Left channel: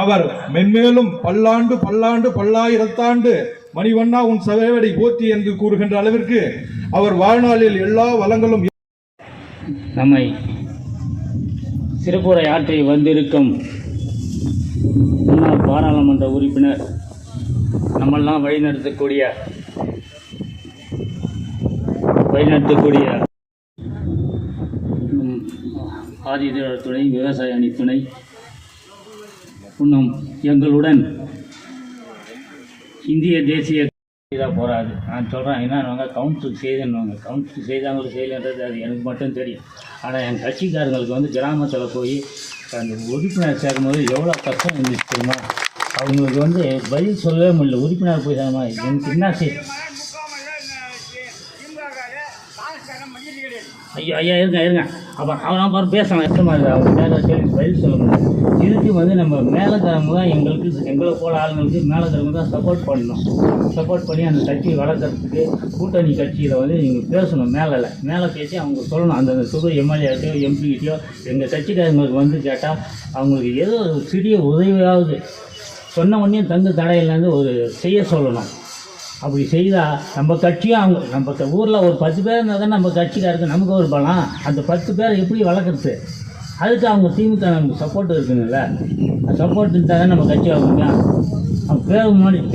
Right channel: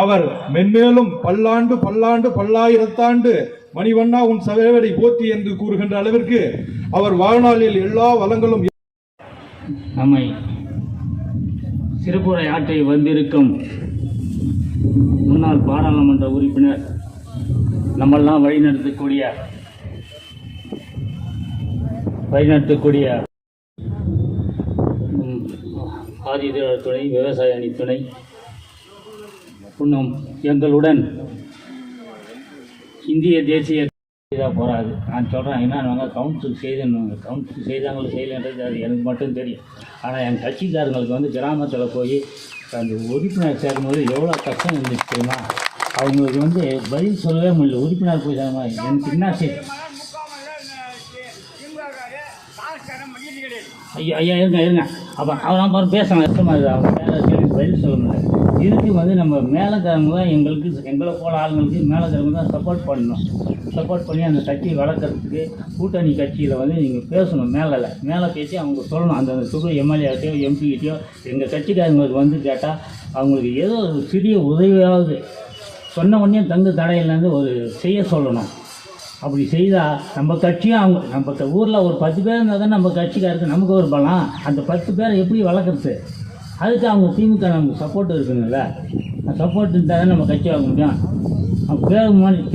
அவர் மென்மேலும் பல்லாண்டு பல்லாண்டு பல்லாயிரத்தாண்டு மணிவண்ணா உன் சவேவடை போற்றி என்று கூறுகின்ற அளவிற்கு அவர் வாழ்நாளில் எல்லா வளங்களும் நம்மை சிறப்புரை ஆற்றி வந்திருக்கும் முன்னாள் பாராளுமன்ற உறுப்பினர் நம்மெல்லாம் வழிநடத்தக்கூடிய ஆதிதிரார் துணை விவசாய அணி துணை இன்னும் எங்களுடன் இந்திய தேசிய போராது நான் சொல்கிறேன் என்னன்னு கவுன்சில் செய்துன்னுவாங்க. கவுன்சில் செய்தாங்களோ செய்யலைன்றது அது எனக்கு மட்டும் தெரியும். ஆனால் என் கட்சிக்காரங்களுக்கு கிராமத்தில் போய் அந்த உறுப்பினர் சேர்க்கும்போது எவ்வளோ கஷ்டம் இருந்துச்சு தெரியுமா? அவங்களுக்கு பதில் சொல்லவே முடியல. உறுப்பினர் போய் சேரமா எனக்கு என்ன ஐயா ஐயா இருங்க அப்போ அவன் பாரு பேசுகிறான் கஷ்டமாக இருக்குது. அவன் கேள்வி பதில் சொல்ல முடியாது. இதுக்கு நம்ம மேலக்கிழமை தான் எங்களை போல ஆளுங்களுக்கு மேலக்கிழமை தான் சப்போர்ட் பண்ணி அந்த கட்சியை வளர்க்குறதுக்கு கூட்டணி கட்சியில் நீங்கள் பேசணும். மேலே பேசி அவங்க சொல்லணும். அந்த சுக எம்எல்ஏட்டையோ எம்பிகிட்டையோ எங்கள் கட்சிக்காரங்களுக்கு கேட்டால் அவங்களுக்கு ஏதோ ஒரு சிறிய உதவியாவது சொன்ன உடனே தடையிலேருந்து ஒரு செய்ய சொல்லணும். அப்படி செய்தால் நம்ம கட்சியும் நம்ம ஊரில் ஒரு 10 பேர் இருந்தால் தான் நம்ம கட்சிக்காருக்கு நமக்கு ஒரு பலம். அந்த 10 பேர் எப்படி வளர்க்குறது? அதுக்கு அவங்க திமுக நமக்கு சப்போர்ட் இருக்குதுல்ல. சப்போர்ட் இருந்தால் தான் நம்ம கட்சி ஆக முடியும்.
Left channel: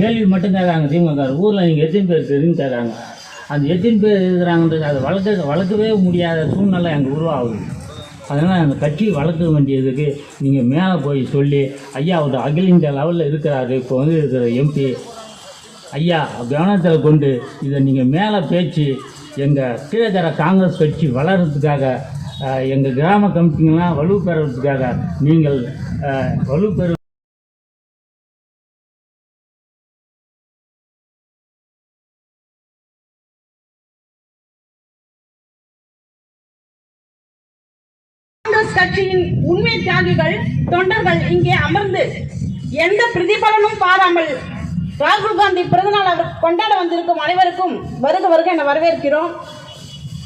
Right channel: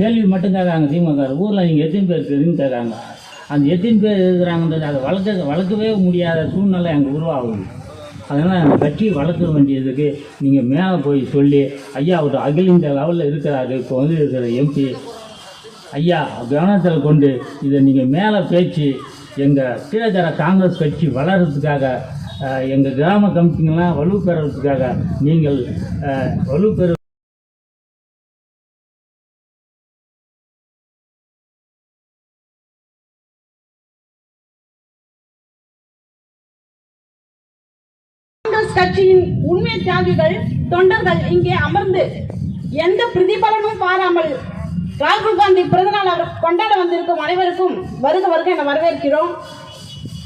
கேள்வி மட்டும் கேட்குறாங்க திமுக. ஊரில் நீங்கள் எத்தனை பேர் இருக்குதுன்னு கேட்குறாங்க. அந்த எத்தனை பேர் இருக்கிறாங்கன்றது அதை வளர்க்கவே முடியாத சூழ்நிலை அங்கே உருவாகுது. அதனால் அந்த கட்சியை வளர்க்க வேண்டியதுக்கு நீங்கள் மேலே போய் சொல்லி ஐயா ஒரு அகில இந்திய லெவலில் இருக்கிறாரு. இப்போ இருக்கிற எம்பி ஐயா கவனத்தில் கொண்டு இதை நீங்கள் மேலே பேச்சு எங்கள் கீழக்கர காங்கிரஸ் கட்சி வளர்கிறதுக்காக எங்கள் கிராம கமிட்டிங்கெல்லாம் வலுப்பெறதுக்காக நீங்கள் வலுப்பெறு கட்சியின் உண்மை தியாகிகள் தொண்டர்கள் இங்கே அமர்ந்து எந்த பிரதிபலனும் பாராமல் ராகுல் காந்தி பிறந்தநாள் கொண்டாட வந்திருக்கும் அனைவருக்கும் வருக என வரவேற்கிறோம்.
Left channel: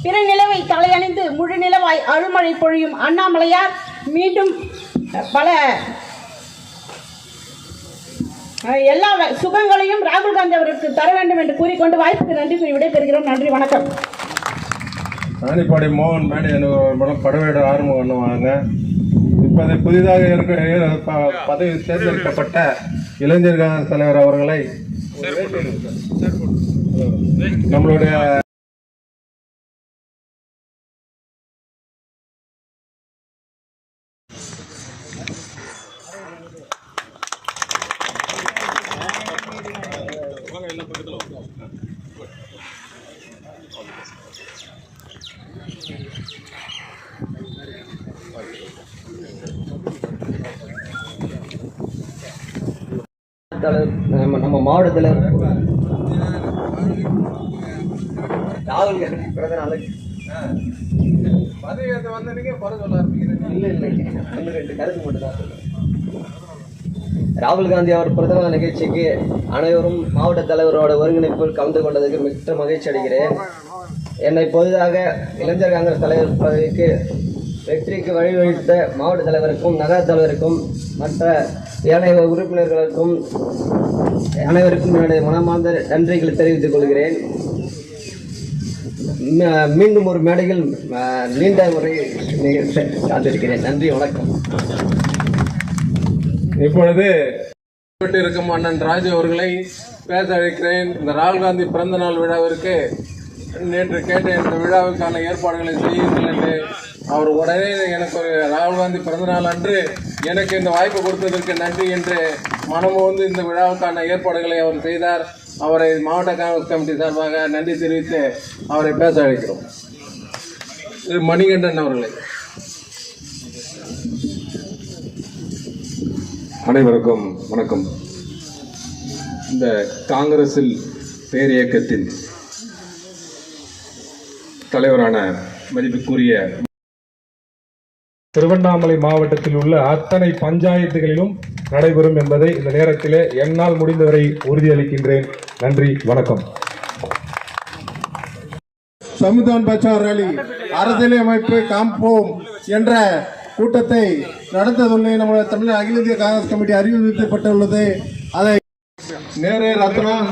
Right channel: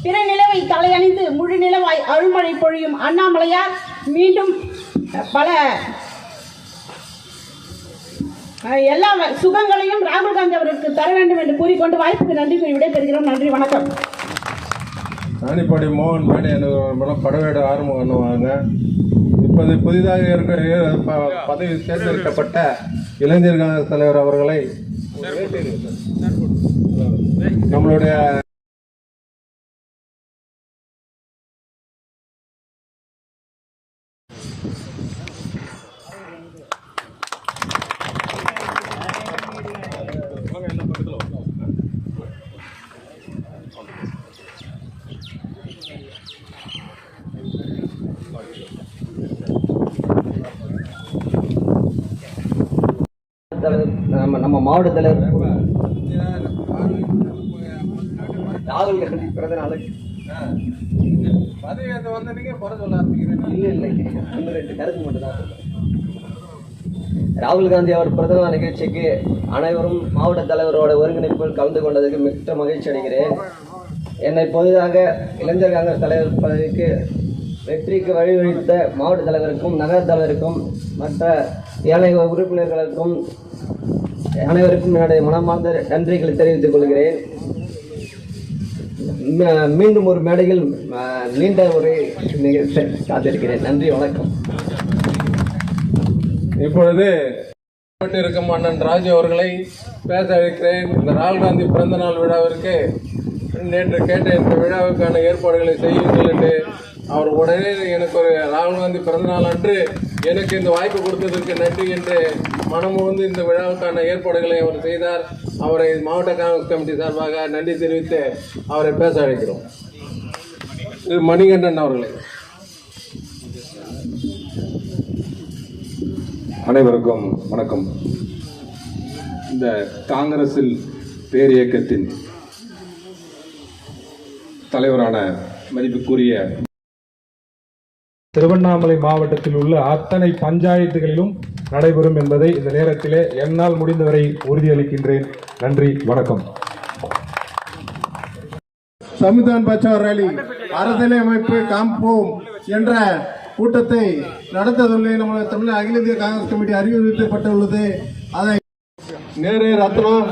பிற நிலவை தலையணிந்து முழு நிலவாய் அருள்மழை பொழியும் அண்ணாமலையார் மீண்டும் பல எல்லா சுகங்களையும் ராகுல் காந்தி அவருக்கு தர வேண்டும் என்று கூறிக்கொண்டு வாய்ப்புக்கு நன்றி கூறி விடைபெறுகிறோம். நன்றி, வணக்கம். ராணிப்பாடி மோகன் மேடை மூலம் படவேட ஆறுமுகம் அண்ணவாங்க. இப்போது புதிதாக பதவி தேர்ந்தெடுக்கப்பட்ட இளைஞர் காங்கிரஸ் தலைவர் அவர்களை நம்மளுடைய நம்ம மாவட்ட தலைவர் ராகுல் பிறந்த நாளைக்கு ராகுல் காந்தி அவர் பிறந்தநாள் நிகழ்ச்சிக்கு அனைவரும் மாவட்ட தலைவரோட ஒருங்கிணைப்பில் கலந்து கொண்டதுக்கு மிக்க மகிழ்ச்சி அடைகிறேன். என்னை பொதுவாக இளைஞர் காங்கிரஸ் தலைவர் பதவிக்கு வெற்றிக்கு வழிவகுத்த மாவட்ட தலைவருக்கும் நகர தலைவருக்கும் மற்ற ஏனைய உறுப்பினர்களுக்கும் அனைவருக்கும் என்னுடைய மனமார்ந்த நன்றிகளை தெரிவித்துக் கொள்கிறேன். மீண்டும் ஒரு மேடையில் நீண்ட உரை காத்திருக்கிறேன். நன்றி, வணக்கம். இப்பொழுது இருக்கும் அண்ணன் ராஜு அவர்களை பேச வைக்கிறேன். இந்த ராகுல் காந்தி பிறந்த நாள் விழாவிற்கு நேற்று கேட்ட இந்த விழாவுக்கான ஏற்பாடுகளை செய்யுங்கள் என்று அவர் உடனே எனக்கு ஒரு ராகுல் காந்தி பிறந்தநாள் அன்று எனக்கு இந்த வாய்ப்பு கொடுத்ததற்கு நன்றி என்று மனமோந்து இந்த விழாவுக்கான ஏற்பாடுகளை அவர் செய்தார். அவரை மாவட்ட காங்கிரஸ் கமிட்டி சார்பாக நன்றி தெரிவித்து அவரை பேச அழைக்கிறோம். இது மணிகண்டன் அவர்களை. அனைவருக்கும் வணக்கம். இந்த காங்கிரஸில் பேரியக்கத்தின் தலைவரான மதிப்புக்குரிய திருவண்ணாமலை மாவட்டத்தில் உள்ள அத்தனை பஞ்சாயத்துகளிலும் நடைபெறும் என்பதை இந்த நேரத்திலே என்னால் முடிந்தவரை உறுதியளிக்கின்றேன். நன்றி, வணக்கம். சமுதான் பச்சார் ரேலி அரசியலமைப்பு காப்போம் என்ற கூட்டத்தை நடத்த சொல்லி நம்ம தமிழ் அகில இந்திய காங்கிரஸ் கமிட்டி அறிவிக்கப்பட்டுள்ளது. அதை நேரே ரத்னம்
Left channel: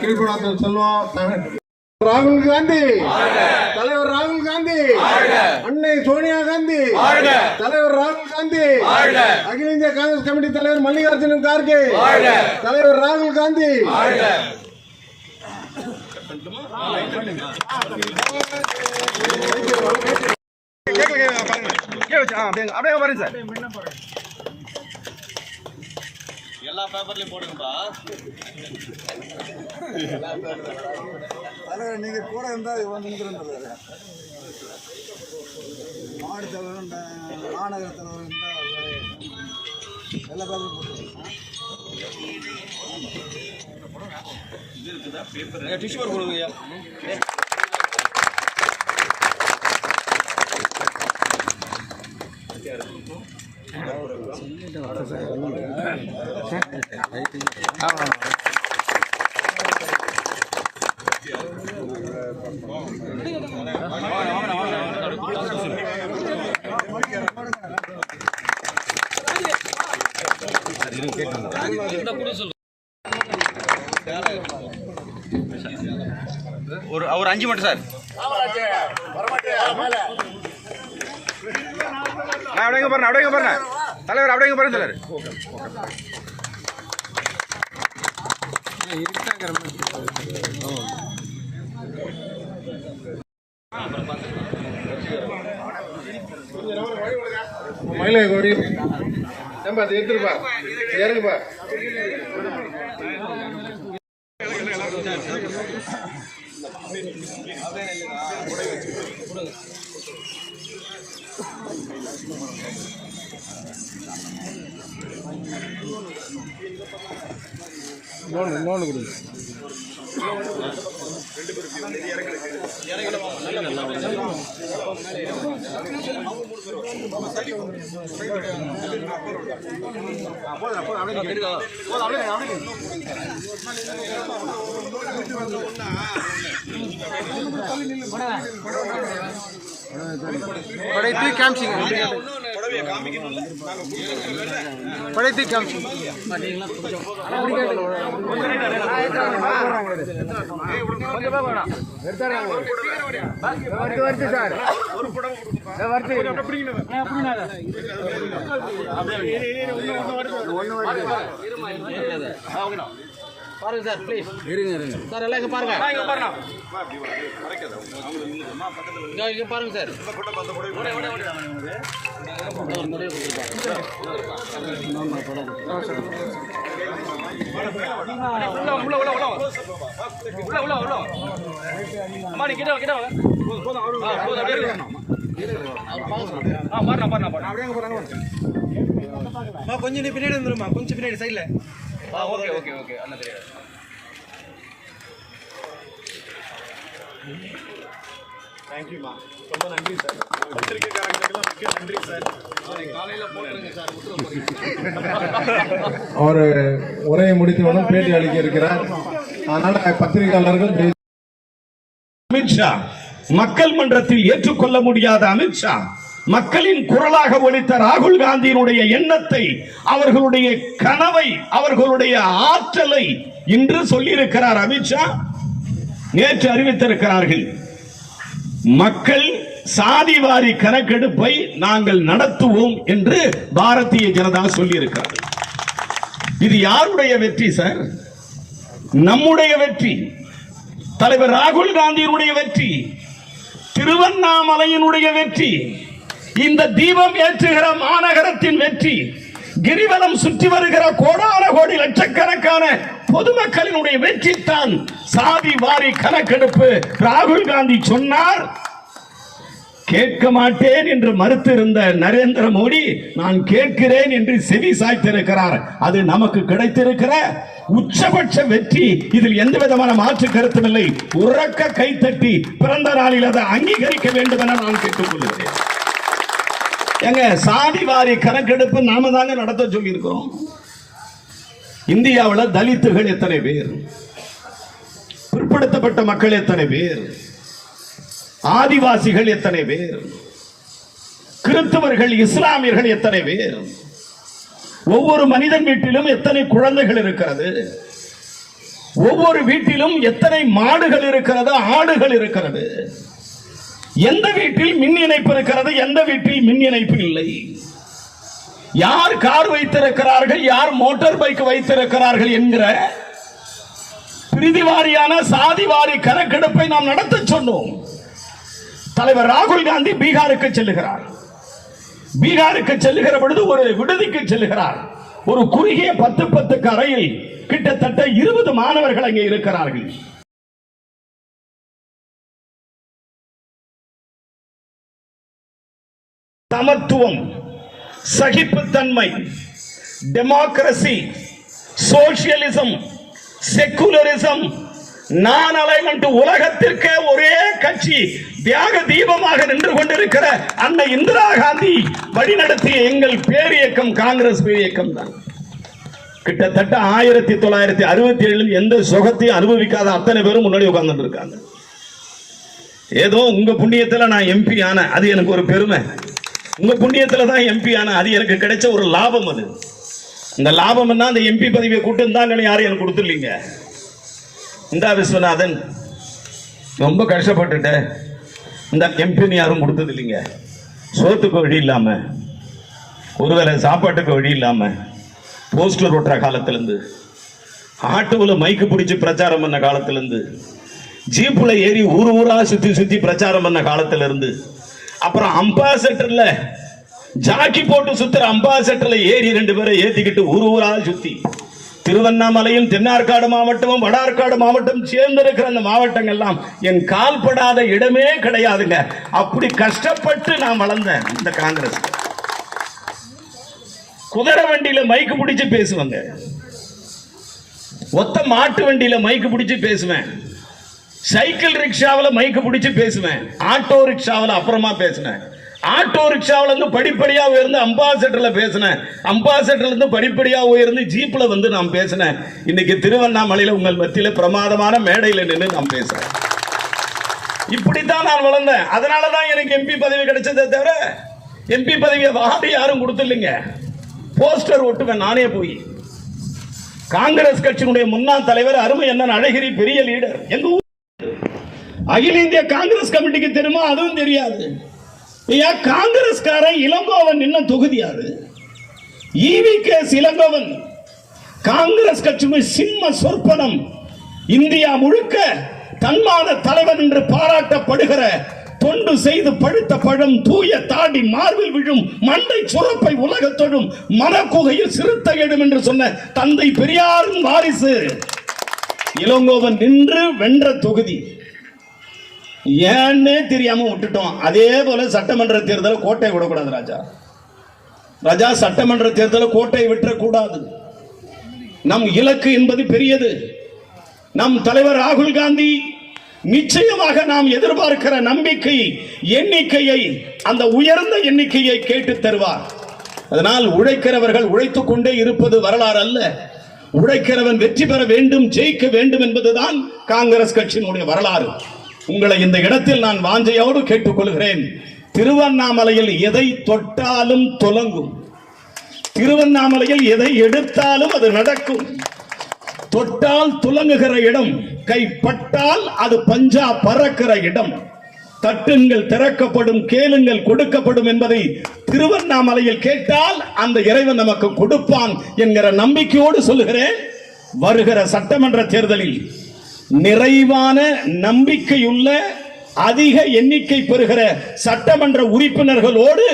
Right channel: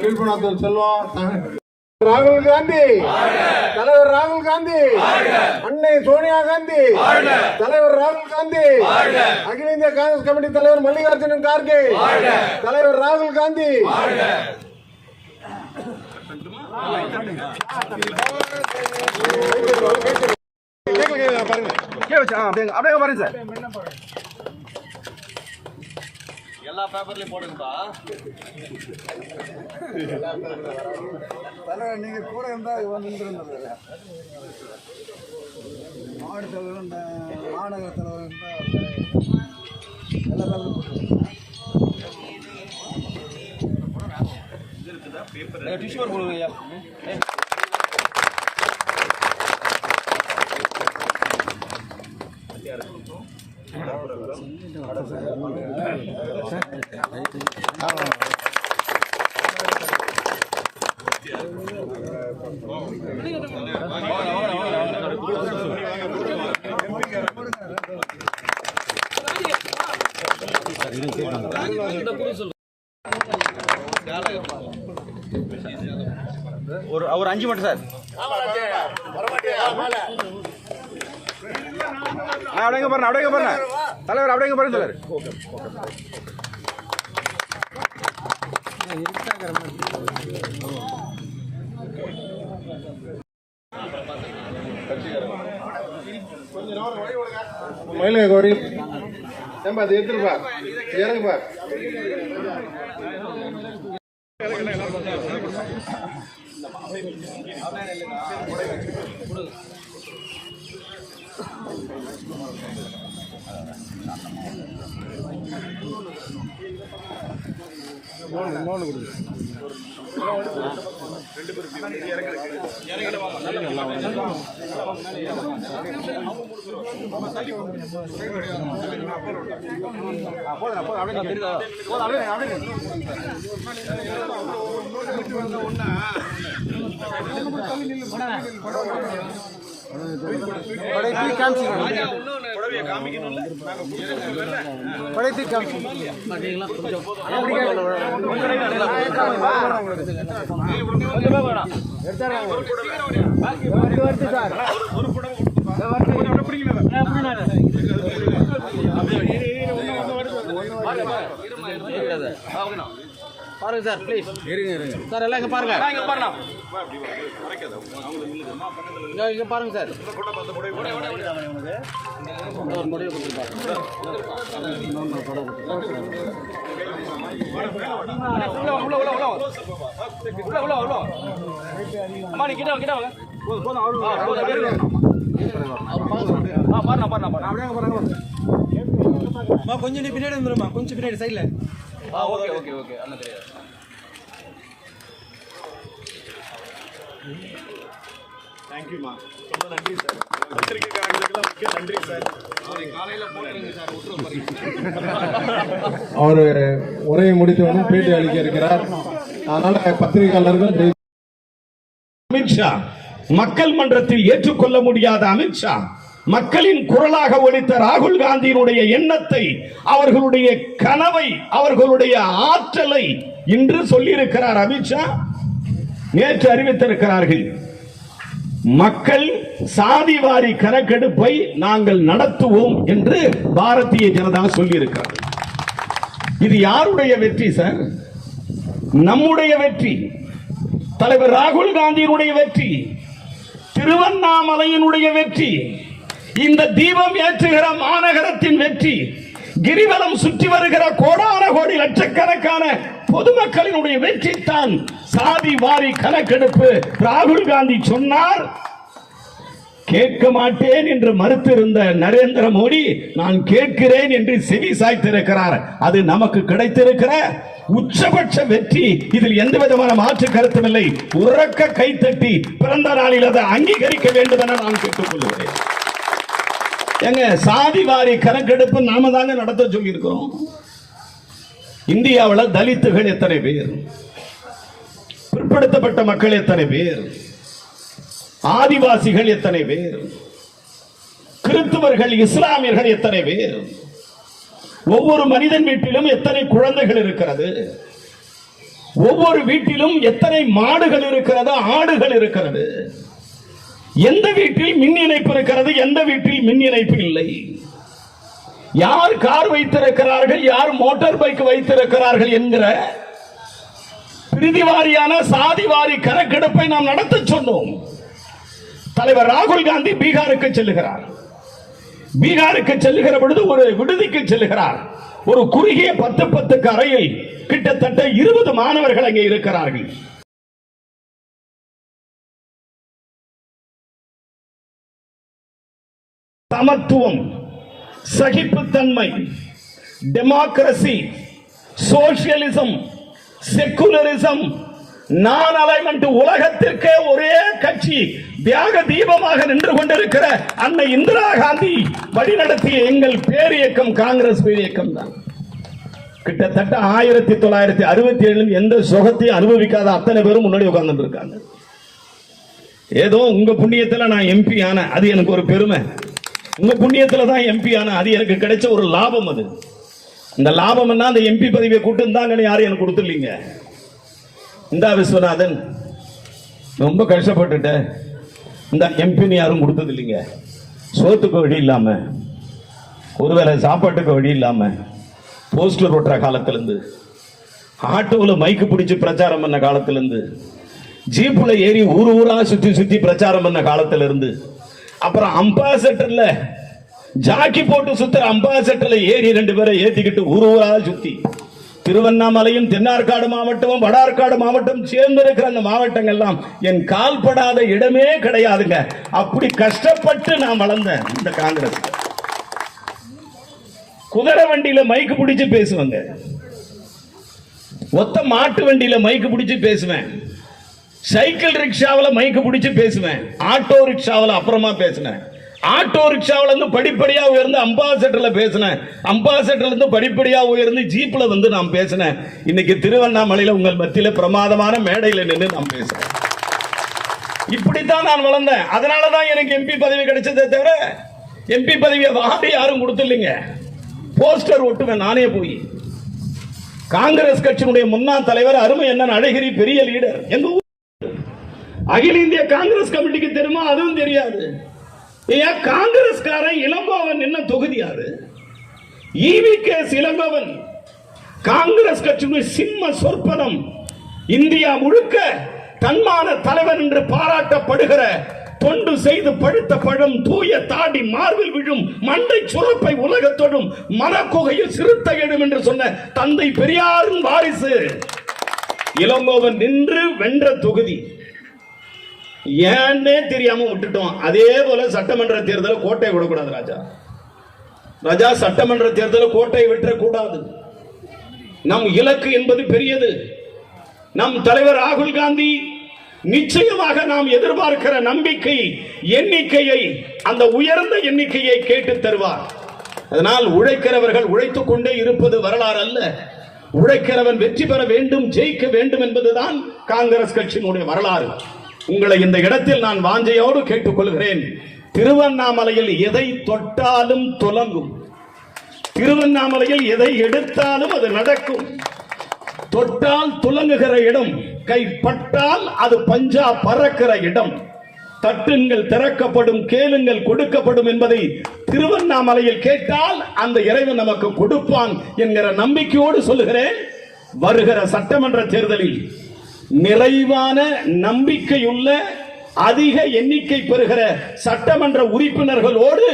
கீழ்குணாத்தூர் செல்வம் ராகுல் காந்தி, தலைவர் ராகுல் காந்தி, அன்னை சோனியா காந்தி, தலைவர் ராகுல் காந்தி, அகில இந்திய காங்கிரஸ் கமிட்டி தலைவர் மல்லிகார்ஜுனன் கார்கே, தலைவர் ராகுல் காந்தி. எல்லா பேப்பர்லயும் போடுங்கப்பா. தலைவர் நீங்க கூட இருந்தா நின்றுருந்தது. மாவட்ட தலைவர் மாநகர தலைவர் எல்லா பேப்பர் டிஷ்யூ பேப்பர் கொடுங்க. ஒரு 5 மட்டும் சார். அப்படியே பாருங்க தலைவர், அப்படியே பாருங்க தலைவர். மயிலை கோரி நம்ம அதை எடுத்துருப்பா இறங்குப்பா. படைத்து காமிச்சிங்க, படைத்து காமிச்சிங்க. பாருங்க சார், ப்ளீஸ் இருங்க சார், எல்லாம் இங்க பாருங்க, இங்க பாருங்க சார். கொஞ்சம் பின்னாடி வந்துருமா, கொஞ்சம் பின்னாடி சைட்ல. ஓகே ஓகே ஓகே அண்ணா தெரியாது. தேங்க்யூமா, ரொம்ப நன்றி சார். பத்திரிகைக்காரங்களுக்கெல்லாம் மிக்க நன்றி சார். அவர் உரையை முடித்தவுடன் பேட்டி அளிக்க இருக்கிறார். அதனால பத்திரிகையாளர்கள் அமித்ஷா மக்கள் மன்றத்தில் ஏற்றுக்கொள்ள முடியாத அமித்ஷா மக்களின் குரலாக ஒலித்த ராகுல் காந்தியினுடைய எண்ணத்தை, அவர்களுடைய கனவை, அவர்களுடைய ஆற்றலை இன்று சொல்லியிருக்கிறார் அமித்ஷா. நேற்று அறிவித்திருக்கிறார்கள், மக்கள் சாதிவாரி கணக்கெடுப்பை நாங்கள் நடத்துவோம் என்று பாரதிய ஜனதா சொல்லியிருக்கிறார். இது யாருடைய வெற்றி சார்? நம்முடைய வெற்றி, தலைவர் ராகுல் காந்தியினுடைய வெற்றி, திருவண்ணாமலையினுடைய வெற்றி, இந்த தீபம் ஏற்றுகிற மாநகரத்தின் வெற்றி, கிரிவலம் சுற்றி வருகிற கோடான கோடி லட்சக்கணக்கான பொதுமக்களினுடைய வெற்றி தான் சாதி வாரி கணக்கெடுப்பு. ராகுல் காந்தி சொன்னார், கேட்க மாட்டேன் என்று மறுத்திருந்த நரேந்திர மோடி நான் கேட்கிறேன் என்று செவி சாய்த்திருக்கிறார். அது நமக்கு கிடைத்திருக்கிற உச்சபட்ச வெற்றி. இதில் எந்த விதமான மாற்று கருத்தும் இல்லை. உறக்க கைத்தட்டி பிறந்த நாளில் அதை அங்கீகரிக்க வேண்டும் என நான் கேட்டுக்கொள்கிறேன். எங்க சாதி வாரி கணக்கெடுப்பு நாம தாங்க நடத்த சொல்லி இருக்கிறோம். இந்தியாவில் தலித்துகள் எத்தனை பேர், பிற்படுத்தப்பட்ட மக்கள் எத்தனை பேர், ஆதிவாசிகள் எத்தனை பேர், கிறிஸ்தவர்கள், இஸ்லாமியர்கள் எத்தனை பேர்? ஒவ்வொரு மனிதன் வீட்டிலும் எத்தனை குழந்தைகள் இருக்கிறது? ஒவ்வொரு வீட்டிலும் எத்தனை மாடுகள் இருக்கிறது, ஆடுகள் இருக்கிறது? எந்த வீட்டில் மின் இணைப்பு இருக்கிறது, எந்த வீட்டில் மின் இணைப்பு இல்லை? யார் கார் வைத்திருக்கிறார்கள், யார் மோட்டார் பைக் வைத்திருக்கிறார்கள் என்கிற பிரிதிவாரியான சாதிவாரி கணக்கெடுப்பை நாம் நடத்த சொன்னோம். தலைவர் ராகுல் காந்தி பீகாருக்கு செல்லுகிறார். பீகாருக்கு செல்லுகிற பொழுது ஒரு விடுதிக்கு செல்லுகிறார். ஒரு குறுகிய 10 அறையில் கிட்டத்தட்ட 20 மாணவர்கள் அங்கே இருக்கிறார்கள். சமத்துவம், சகிப்புத்தன்மை, democracy, socialism, secularism, non alignment உலகத்திற்கே ஒரே கட்சி தியாக தீபமாக நின்று கொண்டிருக்கிற அன்னை இந்திரா காந்தி வழிநடத்திய எங்கள் பேரியக்கம் காங்கிரஸ் பேரியக்கம் தான். கிட்டத்தட்ட 1967 எந்த சுகத்தையும் அனுபவிக்காத அத்தனை பேரும் முன்னாடி உட்கார்ந்துட்டு இருக்காங்க. ஏதோ உங்க புண்ணியத்துல நான் எம்பி ஆன, அது எனக்கு ஒரு பெருமை. உங்க புண்ணியத்துல தான் எம்பி ஆன, அது எனக்கு கிடைச்ச ஒரு லாபம். அது இந்த லாபம் என்ன, அந்த எம்பி பதவியை கூட்டு இருந்தாங்கன்னு யாரும் எனக்கு கொடுத்துருலீங்க. இந்தா விஸ்வநாதன் ரொம்ப கஷ்டப்பட்டுட்ட, இந்த எம்பின்னு யாரும் கொடுத்தது இல்லைங்க. சோத்துக்கு வழி இல்லாம, ஒருவேளை சாப்பாட்டுக்கு வழி இல்லாம, போஸ்டர் ஓட்டுற காலத்திலிருந்து, ஆட்டோவில் மைக்கு பிடிச்சி பிரச்சாரம் பண்ண காலத்திலிருந்து, ஜீப்புல ஏறி ஊர் ஊரா சுத்தி சுத்தி பிரச்சாரம் பண்ண காலத்திலிருந்து, அப்புறம் அம்பாசடர்ல ஜாக்கி போட்டு சுத்துற அம்பாசடர்ல ஏறி 2 பேரை ஏத்திக்கிட்டு ஊர் ஊரா சுத்தி, திருவண்ணாமலையும் தென்னார்காடு மாவட்டமும் வடார்காடு மாவட்டம் சேர்ந்திருக்கிற அந்த மாவட்டங்கள்லாம் என் கால்படாத இடமே கிடையாதுங்க. அப்படி கஷ்டப்பட்டு நான் வளர்ந்தேன் இந்த காங்கிரஸ். குதிரை வண்டியில மைக்கு பிடிச்சு பேசுவாங்க, ஒத்த மாட்டு வண்டியில மைக்கு பிடிச்சு பேசுவேன், சைக்கிள் ரிக்ஷாவில் மைக்கு பிடிச்சு பேசுவேன், ஆட்டோ ரிக்ஷாவில் அப்புறமா பேசினேன், ஆட்டோ ரிக்ஷாவில் இருந்து படிப்படியா உயர்ந்து அம்பாசடர்ல பேசினேன், அம்பாசடர்ல இருந்து படிப்படியா உயர்ந்து ஜீப்ல வந்து நான் பேசினேன். இன்னைக்கு திருவண்ணாமலையில உங்கள் மத்தியில பிரமாதமான மேடையில் நின்று நான் பேசுறேன். இப்படித்தான் நான் வளர்ந்தேன். அதனாலதான் எனக்கு எம்பி பதவி கிடைச்சதே தவிர எம்பி பதவியை வாடி யாரும் கொடுத்துருங்க. போஸ்டர் ஒட்டுவேன் நானே போய். காங்கிரஸ் கட்சியினுடைய முன்னாள் தலைவர் அருமை அண்ணன் அழகிரி பெரிய லீடர். எங்க ஊர் அகில இந்திய காங்கிரஸ் கமிட்டிக்கு தெரியுமா? அதுவும் தெரியாது. காங்கிரஸ்காரன் இளங்கோவன் என்ன தொகுதியாரு? ஈவிகே இளங்கோவன் காங்கிரஸ் கட்சியின் சிம்ம சொற்பனம். இந்தியா முழுக்க தன்மான தலைவர் என்று பாராட்டப்படுகிற, தொண்டு செய்து பழுத்த பழம், தூய தாடி மார்பில் விழும், மண்டை சுரப்பை உலகத்தொடும், மனக்குகையில் சிறுத்தை எழும் என்று சொன்ன தந்தை பெரியாரின் வாரிசு இளங்கோவன் நின்று வென்ற தொகுதி. ஏன்னே தெரியாம விட்டுட்டோம். அதே போல சட்டமன்ற தேர்தலை கோட்டை விடக்கூடாது ராஜா. சட்டமன்ற தேர்தலை கோட்டையை விட்டுறக்கூடாது. நம் இலக்கு என்பது பெரியது. நம் தலைவர் ராகுல் காந்தி நிச்சயமாக நாம் எதிர்பார்க்கிற நம்பிக்கை எண்ணிக்கையை, அந்த உயர்ந்த எண்ணிக்கையை கேட்டு தருவார். அதனால் உழைக்கிறவர்கள் உழைத்துக் கொண்டே இருப்பது வரலாறு அல்ல. உழைக்கிறவன் வெற்றி பெற வேண்டும், ஜெயிக்க வேண்டும் என்பதுதான் காங்கிரஸ் கட்சியினுடைய வரலாறு. உங்களை இந்த இடத்தில் நான் வாஞ்சையோடு கேட்டுக்கொள்கிறேன். திருவண்ணாமலையில் எதை தொட்டாலும் துலங்கும். திருவண்ணாமலையில் எதை எடுத்தாலும் அது நடக்கும். தொட்டால் துலங்குகிற இடம், கைப்பட்டால் அது பஞ்சா பறக்கிற இடம். தட்டுங்கள் திறக்கப்படும், கேளுங்கள் கொடுக்கப்படும் என்பதை திருவண்ணாமலையில் கேட்டால் அந்த இறைவன் நமக்கு கொடுப்பான் என்கிற நம்பிக்கையோடு சொல்லுகிறேன். வருகிற சட்டமன்ற தேர்தலில் நிறைவான நம்பிக்கையுள்ள, அதிக எண்ணிக்கை பெறுகிற சட்டமன்ற உறுப்பினர்களோடு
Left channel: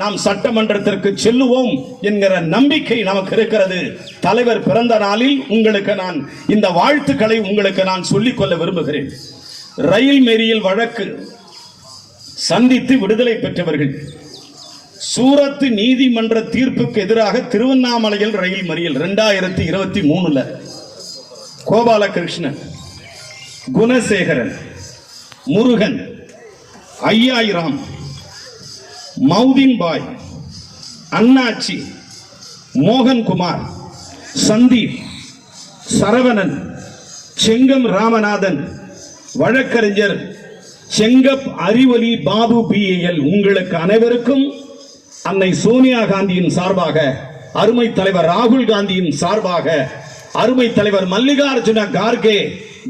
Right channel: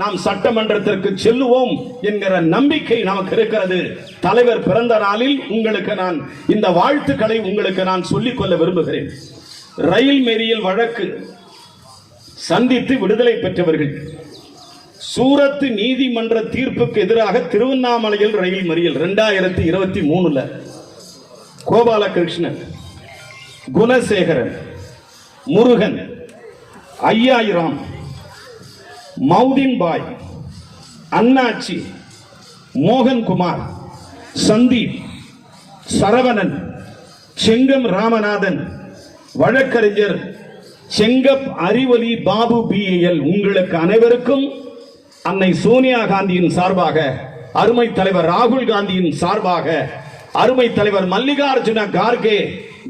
நாம் சட்டமன்றத்திற்கு செல்லுவோம் என்கிற நம்பிக்கை நமக்கு இருக்கிறது. தலைவர் பிறந்த நாளில் உங்களுக்கு நான் இந்த வாழ்த்துக்களை உங்களுக்கு நான் சொல்லிக்கொள்ள விரும்புகிறேன். ரயில் மேரியல் வழக்கு சந்தித்து விடுதலை பெற்றவர்கள், சூரத் நீதிமன்ற தீர்ப்புக்கு எதிராக திருவண்ணாமலையில் ரயில் மறியல் 2023 கோபாலகிருஷ்ணன், குணசேகரன், முருகன், ஐயாயிரம், மௌதின் பாய், அண்ணாச்சி, மோகன்குமார், சந்தீப், சரவணன், செங்கம் ராமநாதன், வழக்கறிஞர் செங்கப் அறிவொலி பாபு BAL, உங்களுக்கு அனைவருக்கும் அன்னை சோனியா காந்தியின் சார்பாக, அருமை தலைவர் ராகுல் காந்தியின் சார்பாக, அருமை தலைவர் மல்லிகார்ஜுன கார்கே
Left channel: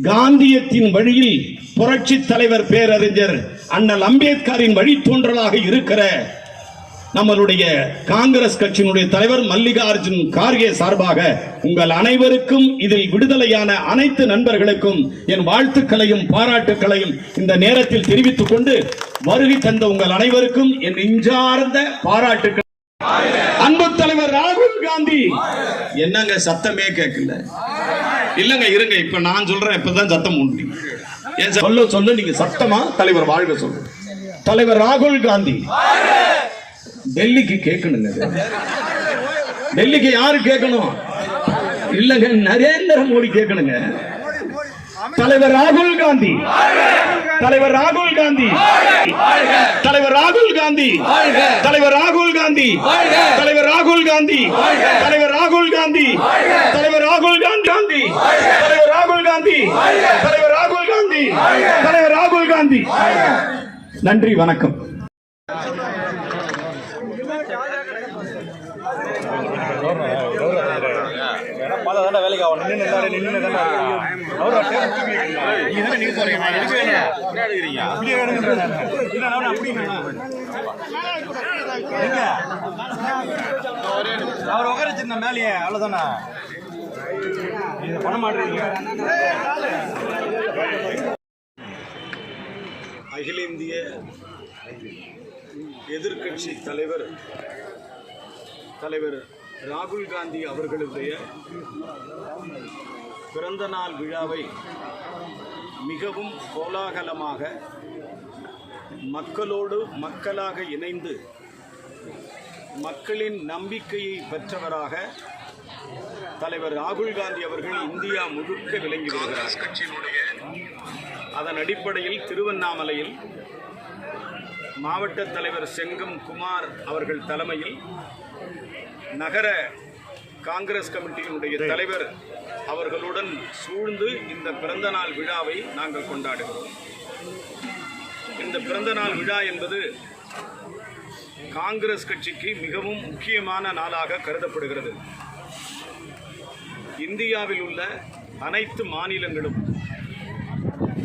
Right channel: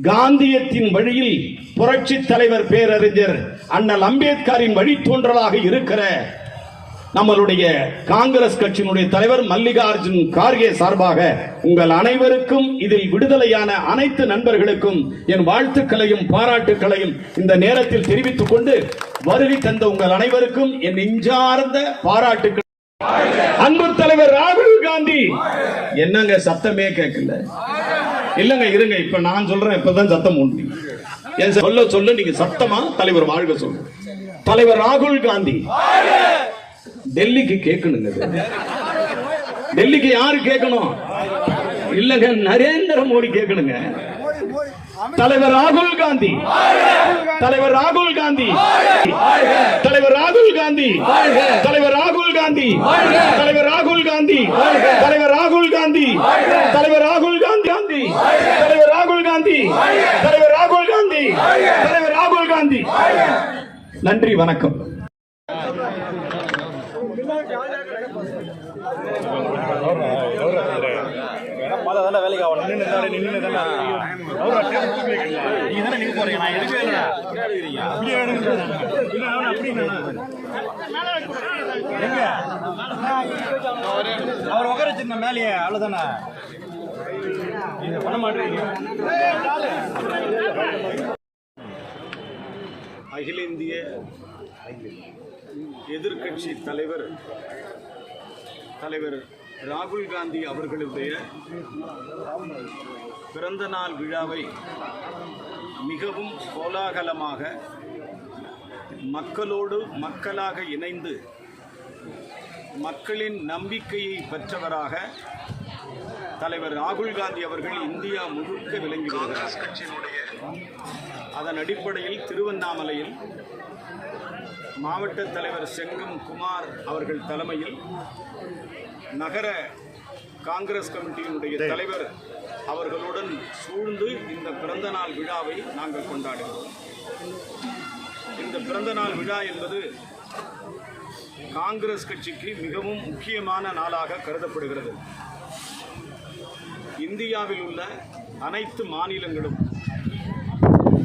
காந்தியத்தின் வழியில் புரட்சி தலைவர் பேரறிஞர் அண்ணல் அம்பேத்கரின் வழித்தோன்றலாக இருக்கிற நம்மளுடைய காங்கிரஸ் கட்சியினுடைய தலைவர் மல்லிகார்ஜுன் கார்கே சார்பாக உங்கள் அனைவருக்கும், இதில் விடுதலையான அனைத்து நண்பர்களுக்கும் என் வாழ்த்துக்களையும் பாராட்டுக்களையும் இந்த நேரத்தில் தெரிவித்துக் கொண்டு, வருகை தந்த உங்கள் அனைவருக்கும் என் நெஞ்சார்ந்த பாராட்டுக்கள். அன்பு தலைவர் ராகுல் காந்தி. என்னங்க சத்தமே கேட்கல? இல்லங்க இருங்க, இப்ப நான் சொல்றேன், இப்பதான் சத்தம் உண்டு. என் சொல்ல நீங்க சத்தமா தலைவர் வாழ்க சொல்ற. தலைவர் ராகுல் காந்தி டெல்லிக்கு கேட்கணுங்க. டெல்லிக்கு யாரு கேட்கணும்? இல்லங்க, நரேந்திர மோடி கேட்கணுங்க. தலைவர் ராகுல் காந்தி, தலைவர் ராகுல் காந்தி, தலைவர் ராகுல் காந்தி, தலைவர் ராகுல் காந்தி, தலைவர் ராகுல் காந்தி, தலைவர் ராகுல் காந்தி, தலைவர் ராகுல் காந்தி, தலைவர் ராகுல் காந்தி, தலைவர் ராகுல் காந்தி, தலைவர் ராகுல் காந்தி. நன்றி, வணக்கம். வேலைக்கு அவன் நின்று தானே அவர் உட்கார மேலேயே அவ்வளவுதானா பண்ண மாட்டேங்க. அகில இந்திய எதிர்க்கட்சி தலைவர் ராகுல் காந்தி அவர்களுடைய பிறந்த நாள் விழாவை மிகவும் கோலாகலமாக மக்களோடு மக்களாக இணைந்து மக்களின் நம்பிக்கையை பெற்றவராக தலைவர் ராகுல் காந்தி அவர்கள் இந்தியா முழுக்க விளங்கி வருகிறார். அதன் அடிப்படையில் திருவண்ணாமலையில் மாவட்ட தலைவர் செங்கம் குமார் அவர்கள் தலைமையில் நகர காங்கிரஸ் கமிட்டியினுடைய தலைவர் அவர்களுடன் சூழ்ந்து இந்த பிறந்த நாள் விழாவை நாங்கள் கொண்டாடுகிறோம். இந்த பிறந்த நாள் விழா என்பது காங்கிரஸ் கட்சிக்கு மிகவும் முக்கியமான நாளாக கருதப்படுகிறது. இந்தியாவில் உள்ள அனைத்து மாநிலங்களும்,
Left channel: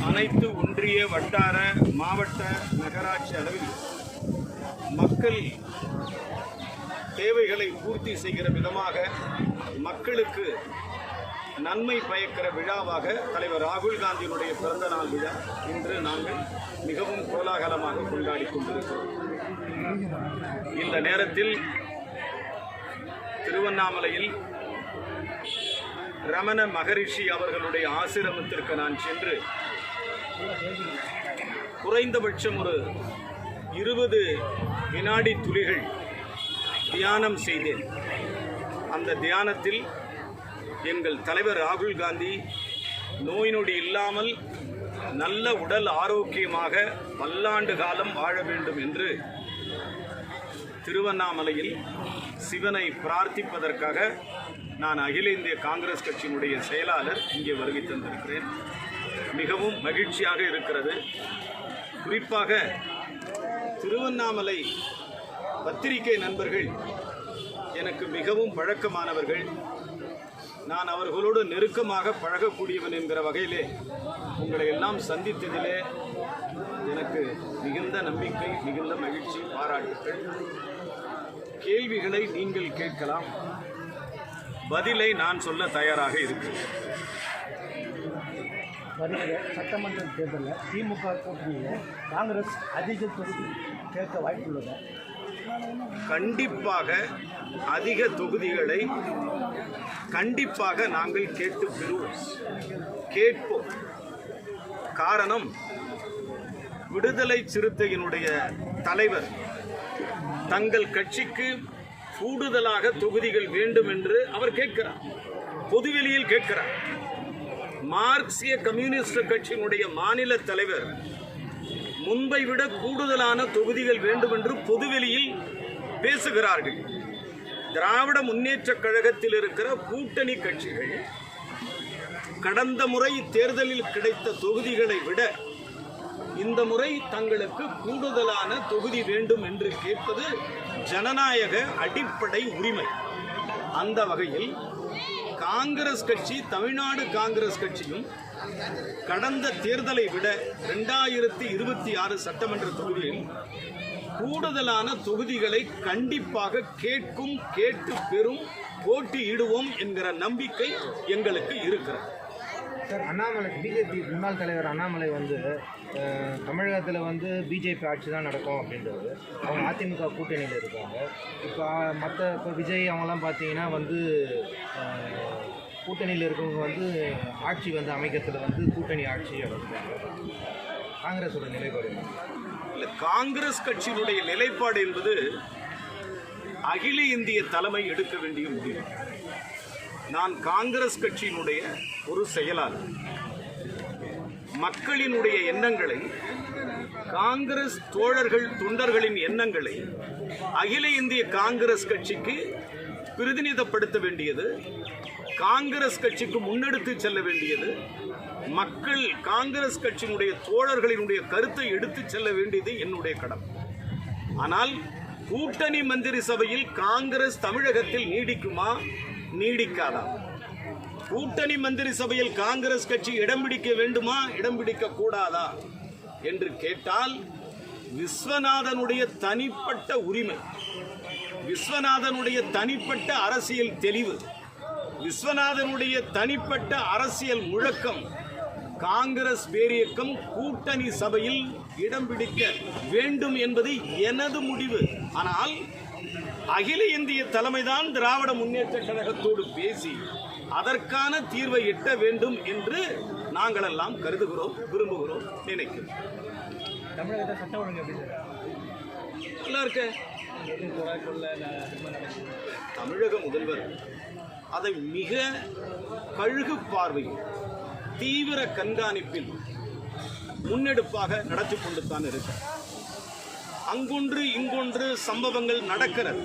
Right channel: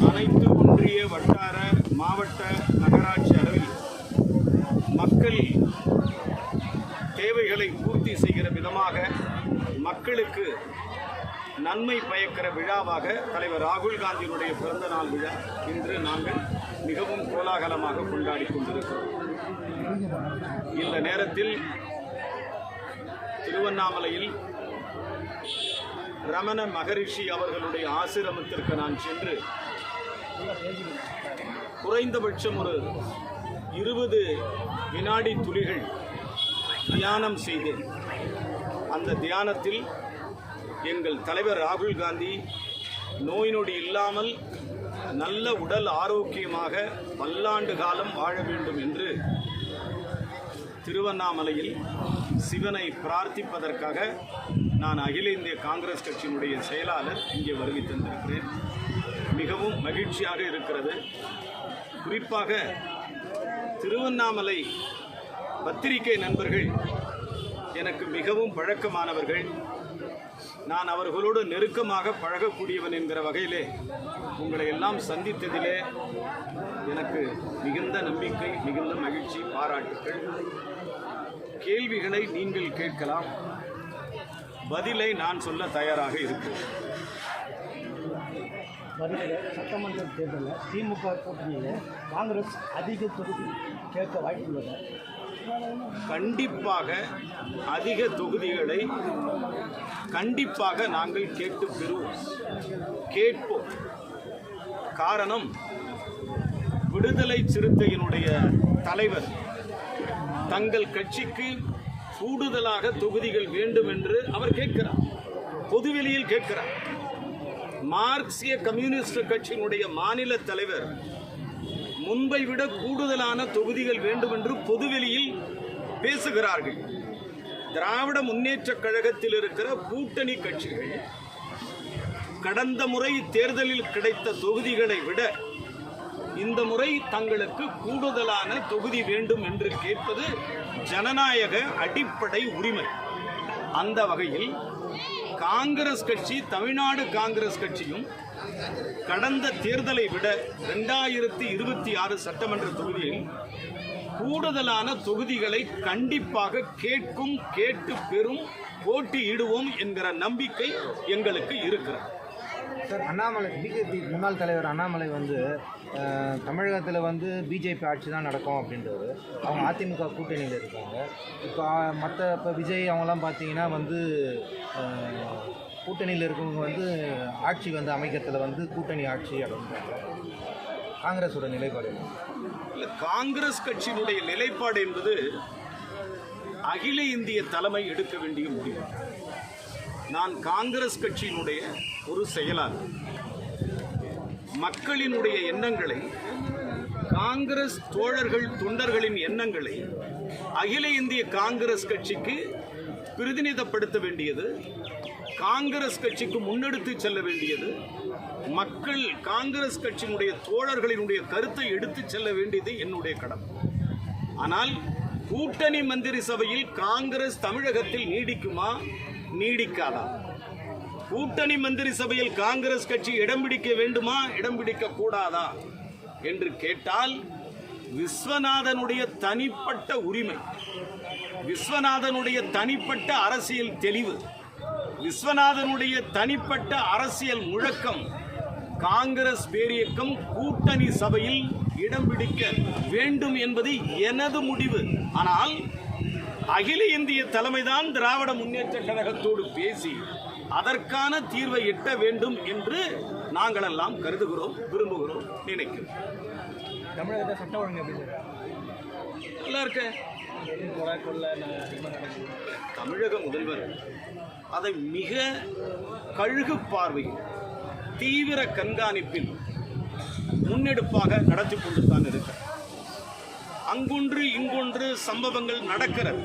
அனைத்து ஒன்றிய, வட்டார, மாவட்ட, நகராட்சி அளவில் மக்கள் தேவைகளை பூர்த்தி செய்கிற விதமாக மக்களுக்கு நன்மை பயக்கிற விழாவாக தலைவர் ராகுல் காந்தியினுடைய பிறந்த நாள் விழா இன்று நாங்கள் மிகவும் கோலாகலமாக கொண்டாடி கொண்டிருக்கிறோம். இந்த நேரத்தில் திருவண்ணாமலையில் ரமண மகரிஷி அவர்களுடைய ஆசிரமத்திற்கு நான் சென்று குறைந்தபட்சம் ஒரு 20 வினாடி துளிகள் தியானம் செய்தேன். அந்த தியானத்தில் எங்கள் தலைவர் ராகுல் காந்தி நோய் நொடி இல்லாமல் நல்ல உடல் ஆரோக்கியமாக பல்லாண்டு காலம் வாழ வேண்டும் என்று திருவண்ணாமலையில் சிவனை பிரார்த்திப்பதற்காக நான் அகில இந்திய காங்கிரஸ் கட்சியினுடைய செயலாளர் இங்கே வருகை தந்திருக்கிறேன். மிகவும் மகிழ்ச்சியாக இருக்கிறது. குறிப்பாக திருவண்ணாமலை பத்திரிகை நண்பர்கள் எனக்கு மிகவும் பழக்கமானவர்கள். நான் அவர்களோடு நெருக்கமாக பழகக்கூடியவன் என்கிற வகையிலே உங்களை எல்லாம் சந்தித்ததிலே எனக்கு மிகுந்த நம்பிக்கை, மிகுந்த மகிழ்ச்சி, பாராட்டுக்கள். கேள்விகளை நீங்கள் கேட்கலாம், பதிலை நான் சொல்ல தயாராக இருக்கிறேன். வருகிற சட்டமன்ற தேர்தலில் திமுக கூட்டணியில் காங்கிரஸ் அதிக தொகுதி கேட்க வாய்ப்புள்ளது. கண்டிப்பாக அதிக தொகுதிகளை கண்டிப்பாக நாங்கள் கேட்போம். காரணம், விடுதலை சிறுத்தையினுடைய தலைவர் தங்கள் கட்சிக்கு கூடுதலாக தொகுதிகள் வேண்டும் என்று அவர் கேட்கிறார், பொதுவெளியில் கேட்கிறார். மார்க்சிய கம்யூனிஸ்ட் கட்சியினுடைய மாநில தலைவர் முன்பை விட கூடுதலான தொகுதிகள் வேண்டும் என்று பொதுவெளியில் பேசுகிறார்கள். திராவிட முன்னேற்ற கழகத்தில் இருக்கிற கூட்டணி கட்சிகள் கடந்த முறை தேர்தலில் கிடைத்த தொகுதிகளை விட இந்த முறை தங்களுக்கு கூடுதலான தொகுதி வேண்டும் என்று கேட்பது ஜனநாயக அடிப்படை உரிமை. அந்த வகையில் காங்கிரஸ் கட்சி, தமிழ்நாடு காங்கிரஸ் கட்சியும் கடந்த தேர்தலை விட 2026 சட்டமன்ற தொகுதியில் கூடுதலான தொகுதிகளை கண்டிப்பாக கேட்டு பெறும், போட்டியிடுவோம் என்கிற நம்பிக்கை எங்களுக்கு இருக்கிறது. சார், அண்ணாமலை பிஜேபி முன்னாள் தலைவர் அண்ணாமலை வந்து தமிழகத்தில் பிஜேபி ஆட்சி தான் நடக்கும் அப்படின்றது. அவங்க அதிமுக கூட்டணியில் இருக்காங்க. இப்போ விஜய் அவங்களாம் பார்த்தீங்கன்னா கூட்டணியில் இருக்கவங்க ஆட்சி அமைக்கிறதுல கூட்டணி ஆட்சி அப்படின்றாங்க. காங்கிரஸோட நிலைப்பாடு இல்லை, காங்கிரஸ் கட்சியினுடைய நிலைப்பாடு என்பது அகில இந்திய தலைமை எடுக்க வேண்டிய முடிவு. நான் காங்கிரஸ் கட்சியினுடைய ஒரு செயலாளர். மக்களினுடைய எண்ணங்களை, காங்கிரஸ் தோழர்கள் தொண்டர்களின் எண்ணங்களை அகில இந்திய காங்கிரஸ் கட்சிக்கு பிரதிநிதிப்படுத்த வேண்டியது, காங்கிரஸ் கட்சிக்கு முன்னெடுத்து செல்ல வேண்டியது, மக்கள் காங்கிரஸ் கட்சியினுடைய தோழர்களினுடைய கருத்தை எடுத்து செல்ல வேண்டியது என்னுடைய கடமை. ஆனால் கூட்டணி மந்திரி சபையில் காங்கிரஸ் தமிழகத்தில் நீடிக்குமா, நீடிக்காதா? கூட்டணி மந்திரி சபையில் காங்கிரஸ் கட்சி இடம் பிடிக்க வேண்டுமா, இடம் பிடிக்க கூடாதா என்று கேட்டால், விஸ்வநாதனுடைய தனிப்பட்ட உரிமை, விஸ்வநாதனுடைய தனிப்பட்ட அரசியல் தெளிவு, விஸ்வநாதனுடைய தனிப்பட்ட அரசியல் முழக்கம், காங்கிரஸ் பேரியக்கம் கூட்டணி சபையில் இடம் பிடிக்க வேண்டும் என்பது எனது முடிவு. ஆனால் அகில இந்திய தலைமைதான் திராவிட முன்னேற்ற கழகத்தோடு பேசி அதற்கான தீர்வை எட்ட வேண்டும் என்று நாங்கள் எல்லாம் கருதுகிறோம், விரும்புகிறோம், நினைக்கிறோம். தமிழகத்தை சட்டம் ஒழுங்கு நல்லா இருக்க தமிழக முதல்வர் அதை மிக கழுகு பார்வையில், தீவிர கண்காணிப்பில் முன்னெடுப்பாக நடத்தி கொண்டு தான் இருக்க. அங்கொன்று இங்கொன்று சம்பவங்கள் நடக்கிறது.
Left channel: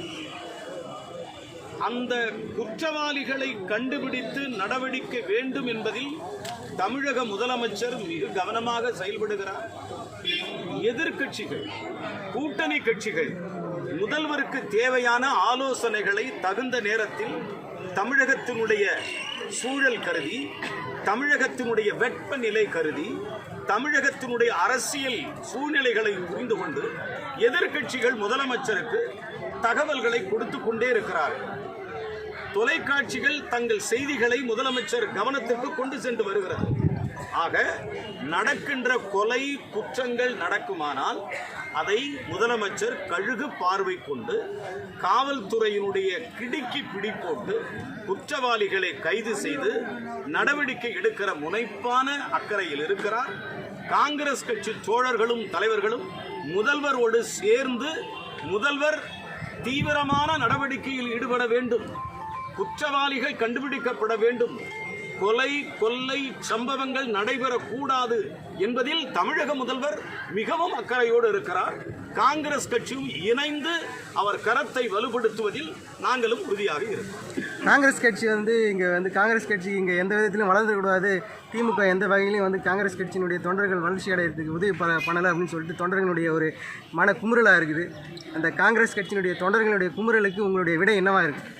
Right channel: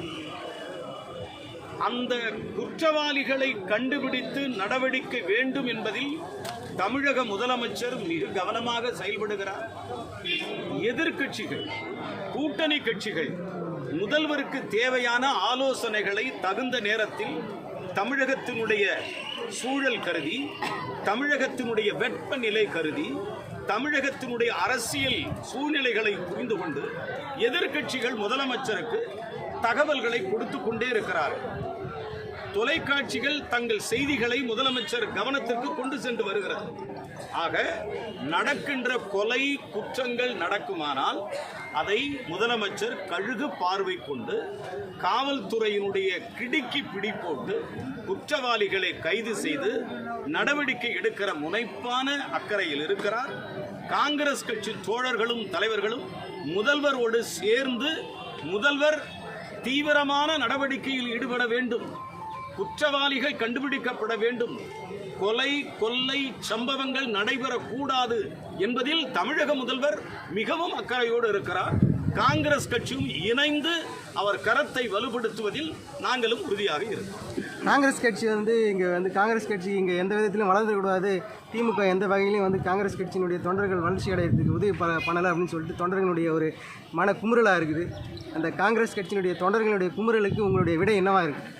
அந்த குற்றவாளிகளை கண்டுபிடித்து நடவடிக்கை வேண்டும் என்பதில் தமிழக முதலமைச்சர் மிக கவனமாக செயல்படுகிறார். எதிர்க்கட்சிகள், கூட்டணி கட்சிகள் முதல்வருக்கு தேவையான ஆலோசனைகளை தகுந்த நேரத்தில் தமிழகத்தினுடைய சூழல் கருதி, தமிழகத்தினுடைய வெப்பநிலை கருதி, தமிழகத்தினுடைய அரசியல் சூழ்நிலைகளை புரிந்து கொண்டு எதிர்க்கட்சிகள் முதலமைச்சருக்கு தகவல்களை கொடுத்து கொண்டே இருக்கிறார்கள். தொலைக்காட்சிகள் தங்கள் செய்திகளை முதலமைச்சர் கவனத்திற்கு கொண்டு சென்று வருகிறது. ஆக நடக்கின்ற கொலை குற்றங்கள் நடக்குமானால் அதை முதலமைச்சர் கழுகு பார்வை கொண்டு காவல்துறையினுடைய கிடுக்கி பிடி போட்டு குற்றவாளிகளை கைது செய்து நடவடிக்கை எடுக்கிற முனைப்பான அக்கறையில் இருக்கிறார். காங்கிரஸ் கட்சி தோழர்களும் தலைவர்களும் முதல்வரோடு சேர்ந்து முதல்வர் தீவிரமான நடவடிக்கையில் ஈடுபட வேண்டும், குற்றவாளிகள் கண்டுபிடிக்கப்பட வேண்டும், கொலை கொள்ளை சம்பவங்கள் நடைபெறக்கூடாது என்பதில் தமிழக முதல்வர் மிகவும் அக்கறையோடு இருக்கிறார். காங்கிரஸ் கட்சியும் இணைந்து அவர் கரத்தை வலுப்படுத்துவதில் நாங்களும் உறுதியாக இருக்கிறோம். காங்கிரஸ் கட்சி காங்கிரஸ் கட்சி இங்கே எந்த விதத்திலும் வளர்ந்துக்கூடாது, திமுக எந்த வகையிலையும் காங்கிரஸ் கட்சியினுடைய தொண்டர்கள் வளர்ச்சி அடைகிறதுக்கு உதவி பண்ணலை அப்படின்னு சொல்லிட்டு தொண்டர்களுடைய ஒரு மன குமுறலாக இருக்குது. அந்த காங்கிரஸ் கட்சியினுடைய தொண்டர்களுடைய குமுறலுக்கு உங்களுடைய விடை என்னவா இருக்குது?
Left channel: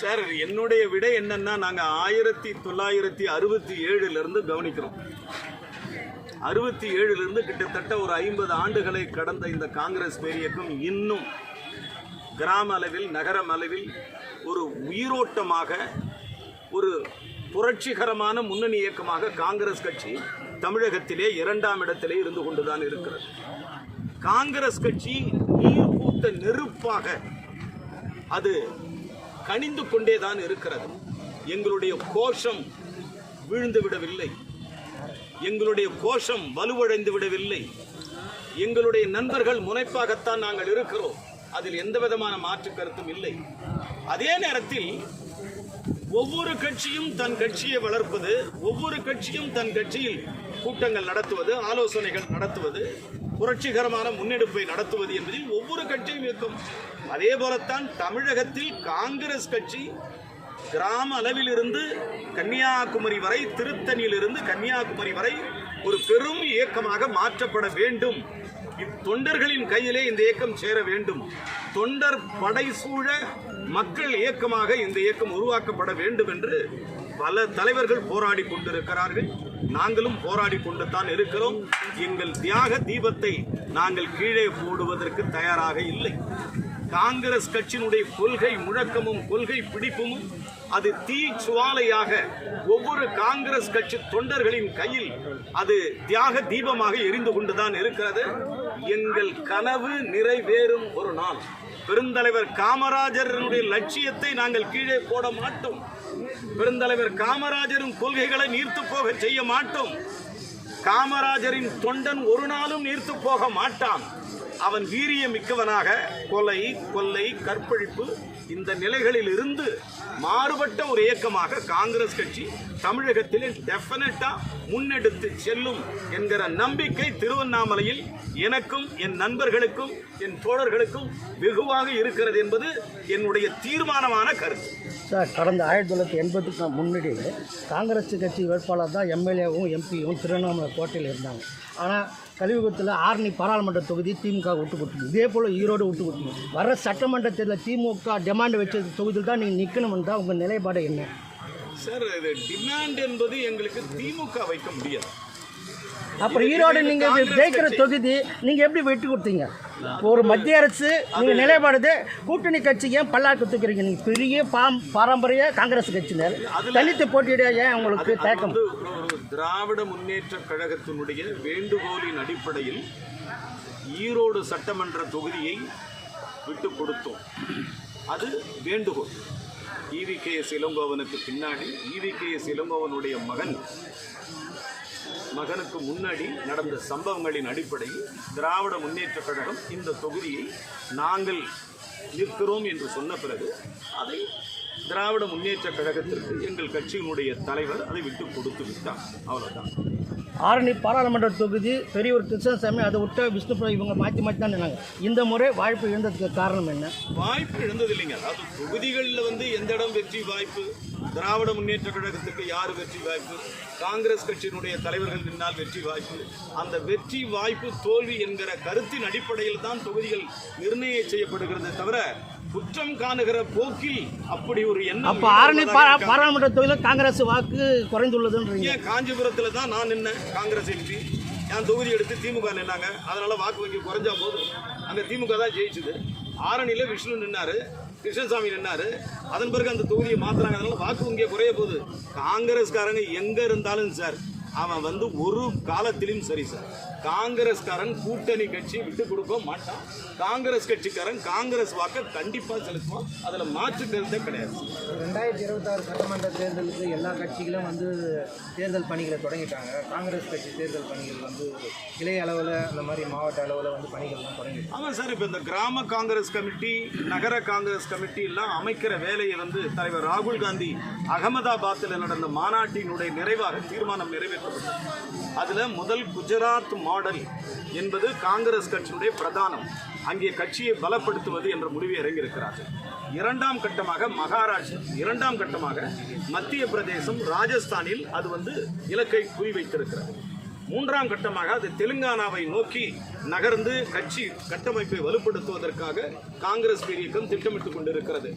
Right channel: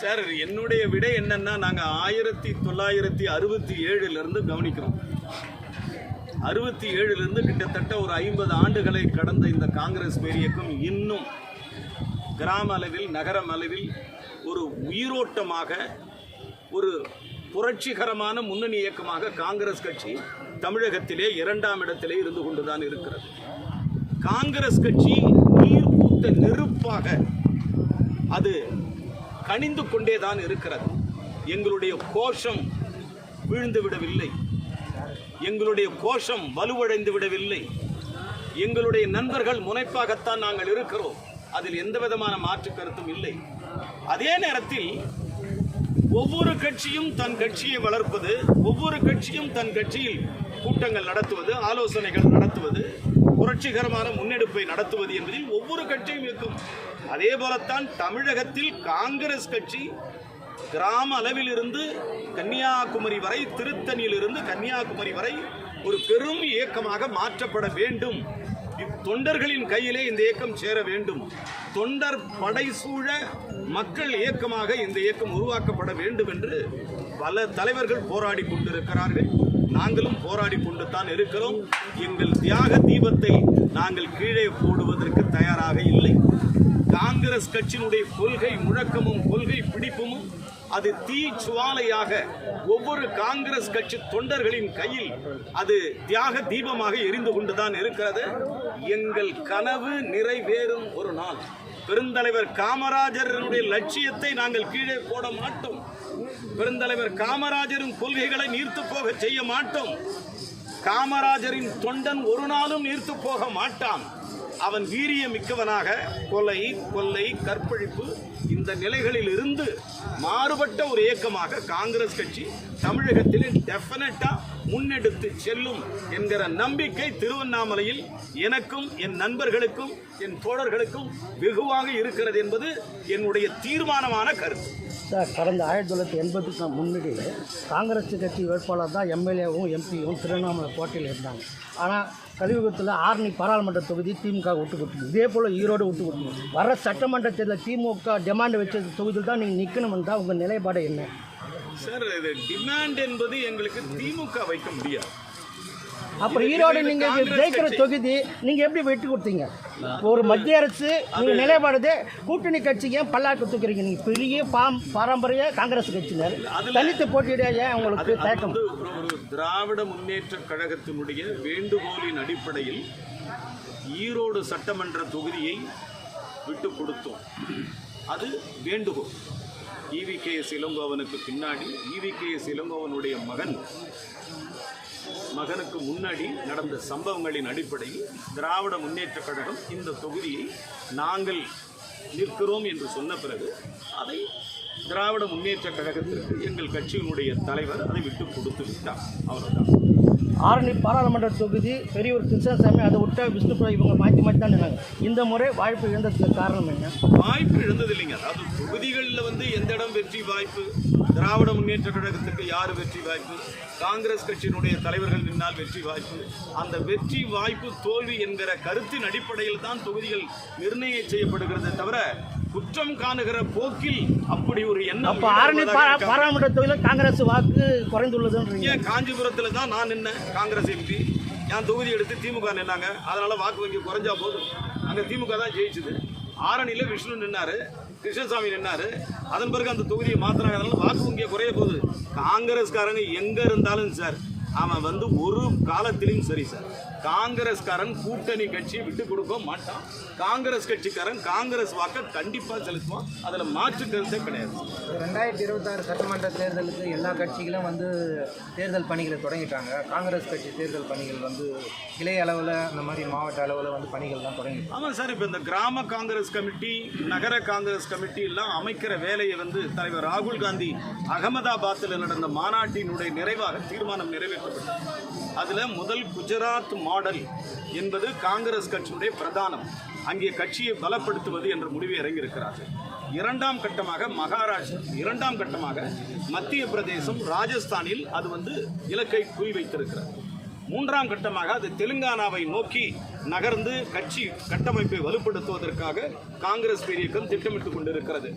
சார், என்னுடைய விடை என்னன்னா, நாங்கள் 1967 கவனிக்கிறோம். 67 கிட்டத்தட்ட ஒரு 50 ஆண்டுகளை கடந்த இந்த காங்கிரஸ் பேரியக்கம் இன்னும் கிராம அளவில், நகரம் அளவில் ஒரு உயிரோட்டமாக, ஒரு புரட்சிகரமான முன்னணி இயக்கமாக காங்கிரஸ் கட்சி தமிழகத்திலே 2ஆம் இடத்திலே இருந்து கொண்டுதான் இருக்கிறது. காங்கிரஸ் கட்சி நீர்பூட்ட நெருப்பாக அது கனிந்து கொண்டேதான் இருக்கிறது. எங்களுடைய கோஷம் வீழ்ந்து விடவில்லை, எங்களுடைய கோஷம் வலுவடைந்து விடவில்லை. எங்களுடைய நண்பர்கள் முனைப்பாகத்தான் நாங்கள் இருக்கிறோம். அதில் எந்த விதமான மாற்று கருத்தும் இல்லை. அதே நேரத்தில் ஒவ்வொரு கட்சியும் தன் கட்சியை வளர்ப்பது, ஒவ்வொரு கட்சியும் தன் கட்சியில் கூட்டங்கள் நடத்துவது, ஆலோசனைகள் நடத்துவது, புரட்சிகரமான முன்னெடுப்பை நடத்துவது என்பதில் ஒவ்வொரு கட்சியும் இருக்கும். அதே போலத்தான் தமிழகத்தில் காங்கிரஸ் கட்சி கிராம அளவிலிருந்து கன்னியாகுமரி வரை, திருத்தணியிலிருந்து கன்னியாகுமரி வரை ஒரு பெரும் இயக்கமாக மாற்றப்பட வேண்டும் தொண்டர்களின் கையிலே இந்த இயக்கம் சேர வேண்டும். தொண்டர் படை சூழ மக்கள் இயக்கமாக இந்த இயக்கம் உருவாக்கப்பட வேண்டும் என்று பல தலைவர்கள் போராடி கொண்டிருக்கிறார்கள். நாங்களும் போராடி கொண்டு தான் இருக்கிறோம். எங்கள் தியாக தீபத்தை நாங்கள் கீழே போடுவதற்கு தயாராக இல்லை. காங்கிரஸ் கட்சியினுடைய கொள்கை முழக்கமும் கொள்கை பிடிப்பும் அது தீ சுவாலையாக ஒவ்வொரு காங்கிரஸ் கட்சி தொண்டர்களின் கையில் அது தியாக தீபமாக எரிந்து கொண்டுதான் இருக்கிறது. எங்கள் கனவு நிறைவேறும் ஒரு நாள். பெருந்தலைவர் காமராஜருடைய லட்சியத்தை நாங்கள் கீழே போட மாட்டோம். பெருந்தலைவர் காமராஜரின் கொள்கைகளை நீர்த்து போக செய்ய மாட்டோம். காமராஜரின் தொண்டன் ஒரு நாளும் நீர்த்து போக மாட்டான். அவன் வீரிய மிக்கவனாக கொலை, கொள்ளை, கற்பழிப்பு இந்த நிலைகளில் இருந்து மாறுபட்ட ஒரு இயக்கமாக காங்கிரஸ் கட்சி தமிழகத்தில் டெஃபினட்டா முன்னெடுத்து செல்லும் என்கிற நம்பிக்கை திருவண்ணாமலையில் எனக்கும் என் நண்பர்களுக்கும் என் தோழர்களுக்கும் வெகுவாக இருக்கிறது என்பது என்னுடைய தீர்மானமான கருத்து. சார், கடந்த 1980க்கு முன்னாடி காங்கிரஸ் கட்சி வேட்பாளர் தான் எம்எல்ஏவும் எம்பியும் திருவண்ணாமலை கோட்டையில் இருந்தாங்க. ஆனால் கலியுகத்தில் ஆரணி பாராளுமன்ற தொகுதி திமுக விட்டு கொடுத்துது. இதே போல் ஈரோடு விட்டு கொடுத்துது. வர சட்டமன்றத்தில் திமுக டிமாண்ட் வச்ச தொகுதியில் தான் நீங்கள் நிற்கணும்னு தான் உங்கள் நிலைப்பாடு என்ன? சார், இது டிமாண்ட் என்பது எங்களுக்கு திமுக வைக்க முடியாது. அப்புறம் ஈரோடு நீங்கள் ஜெயிக்கிற தொகுதி நீங்கள் எப்படி வெட்டி கொடுத்தீங்க? ஒரு மத்திய அரசு நீங்கள் நிலைப்பாடு கூட்டணி கட்சி ஏன் பல்லாக்கு தூக்கிறீங்க? நீங்கள் பெரிய பாரம்பரிய காங்கிரஸ் கட்சியினர் தனித்து போட்டியிட ஏன் உங்களுக்கு தேக்கம்? ஒரு திராவிட முன்னேற்ற கழகத்தினுடைய வேண்டுகோளின் அடிப்படையில் ஈரோடு சட்டமன்ற தொகுதியை விட்டு கொடுத்தோம். அது வேண்டுகோள். EVKS இளங்கோவனுக்கு பின்னாடி EVKS இளங்கோவனுடைய மகனுக்கு முன்னாடி நடந்த சம்பவங்களின் அடிப்படையில் திராவிட முன்னேற்ற கழகம் இந்த தொகுதியை நாங்கள் நிற்கிறோம் என்று சொன்ன பிறகு அதை திராவிட முன்னேற்ற கழகத்திற்கு எங்கள் கட்சியினுடைய தலைவர் அதை விட்டு கொடுத்து விட்டார். அவ்வளவுதான். ஆரணி பாராளுமன்ற தொகுதி பெரியவர் கிருஷ்ணசாமி அதை விட்ட விஷ்ணுபுரம் இவங்க மாற்றி தான் இருக்காங்க. இந்த முறை வாய்ப்பு இழந்ததுக்கு காரணம் என்ன? வாய்ப்பு இழந்தது இல்லைங்க. அதாவது தொகுதிகளில் எந்த இடம் வெற்றி வாய்ப்பு, திராவிட முன்னேற்ற கழகத்துக்கு யார் வெற்றி வாய்ப்பு, காங்கிரஸ் கட்சியினுடைய தலைவர்கள் நின்னால் வெற்றி வாய்ப்பு, அந்த வெற்றி வாய்ப்பு தோல்வி என்கிற கருத்தின் அடிப்படையில் தான் தொகுதிகள் நிர்ணயம் செய்யப்படுகிறது தவிர குற்றம் காணுகிற போக்கில் அப்படி ஒரு எண்ணம். பாராளுமன்ற தொகுதியில் காங்கிரஸ் வாக்கு குறைந்துள்ளது. ஏன் காஞ்சிபுரத்தில் தான் நான் நின்ன காங்கிரஸ் எம்பி என் தொகுதி எடுத்து திமுக நின்னாங்க. அதனால வாக்கு வங்கி குறைஞ்சா போது அங்கே திமுக தான் ஜெயிச்சுது. ஆரணியில் விஷ்ணு நின்னாரு, கிருஷ்ணசாமி நின்னாரு. அதன் பிறகு அந்த தொகுதியை மாத்தினாங்க. அதனால வாக்கு வங்கியை குறைய போகுது. காங்கிரஸ்காரங்க எங்க இருந்தாலும் சார் அவன் ஒரு காலத்திலும் சரி சார், காங்கிரஸ்காரன் கூட்டணி கட்சியை விட்டு கொடுக்க மாட்டான். காங்கிரஸ் கட்சிக்காரன் காங்கிரஸ் வாக்கை கண்டிப்பாக செலுத்துவான். அதில் மாற்று கருத்தே கிடையாது. 2026 சட்டமன்ற தேர்தலுக்கு எல்லா கட்சிகளும் தேர்தல் பணிகளை தொடங்கிட்டாங்க. காங்கிரஸ் கட்சி தேர்தல் பணிகள் கிளை அளவில் அந்த மாதிரி மாவட்ட அளவில் பணிகள்லாம் தொடங்கி. ஆமாம் சார், இப்போ இந்த கிராம காங்கிரஸ் கமிட்டி, நகர காங்கிரஸ் கமிட்டி எல்லாம் அமைக்கிற வேலையை தலைவர் ராகுல் காந்தி அகமதாபாத்தில் நடந்த மாநாட்டினுடைய நிறைவாக தீர்மானம் நிறைவேற்றப்பட்டது. அதில் முதல் குஜராத் மாடல் என்பது காங்கிரஸ் கட்சியினுடைய பிரதானம். அங்கே கட்சியை பலப்படுத்துவது என்ற முடிவை இறங்கியிருக்கிறார்கள். இரண்டாம் கட்டமாக மகாராஷ்டிரா, இரண்டாம் கட்டமாக மத்திய பிரதேசம், ராஜஸ்தானில் அது இலக்கை குறிவைத்திருக்கிறது. மூன்றாம் கட்டமாக அது தெலுங்கானாவை நோக்கி நகர்ந்து கட்சி கட்டமைப்பை வலுப்படுத்துவதற்காக காங்கிரஸ் பேரியக்கம் திட்டமிட்டுக் கொண்டிருக்கிறது.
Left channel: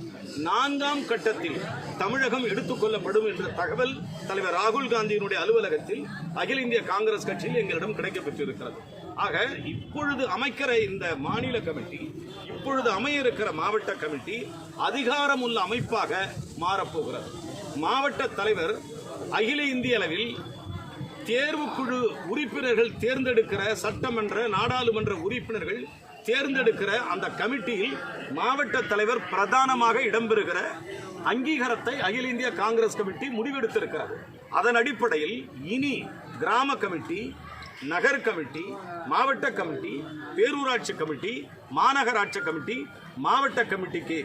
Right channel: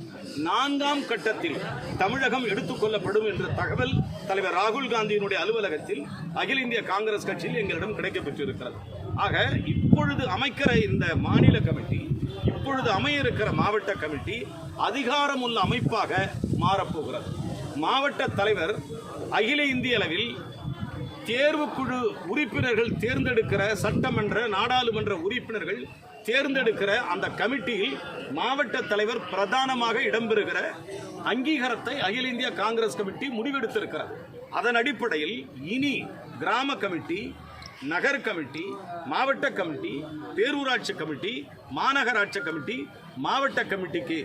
நான்காம் கட்டத்தில் தமிழகம் எடுத்துக்கொள்ளப்படும் என்ற தகவல் தலைவர் ராகுல் காந்தியினுடைய அலுவலகத்தில் அகில இந்திய காங்கிரஸ் கட்சியில் எங்களிடம் கிடைக்கப்பெற்றிருக்கிறது. ஆக இப்பொழுது அமைக்கிற இந்த மாநில கமிட்டி, இப்பொழுது அமைய இருக்கிற மாவட்ட கமிட்டி அதிகாரமுள்ள அமைப்பாக மாறப்போகிறது. மாவட்ட தலைவர் அகில இந்திய அளவில் தேர்வுக்குழு உறுப்பினர்கள் தேர்ந்தெடுக்கிற சட்டமன்ற நாடாளுமன்ற உறுப்பினர்கள் தேர்ந்தெடுக்கிற அந்த கமிட்டியில் மாவட்ட தலைவர் பிரதானமாக இடம்பெறுகிற அங்கீகாரத்தை அகில இந்திய காங்கிரஸ் கமிட்டி முடிவெடுத்திருக்கிறது. அதன் அடிப்படையில் இனி கிராம கமிட்டி, நகர் கமிட்டி, மாவட்ட கமிட்டி, பேரூராட்சி கமிட்டி, மாநகராட்சி கமிட்டி, மாவட்ட கமிட்டிக்கு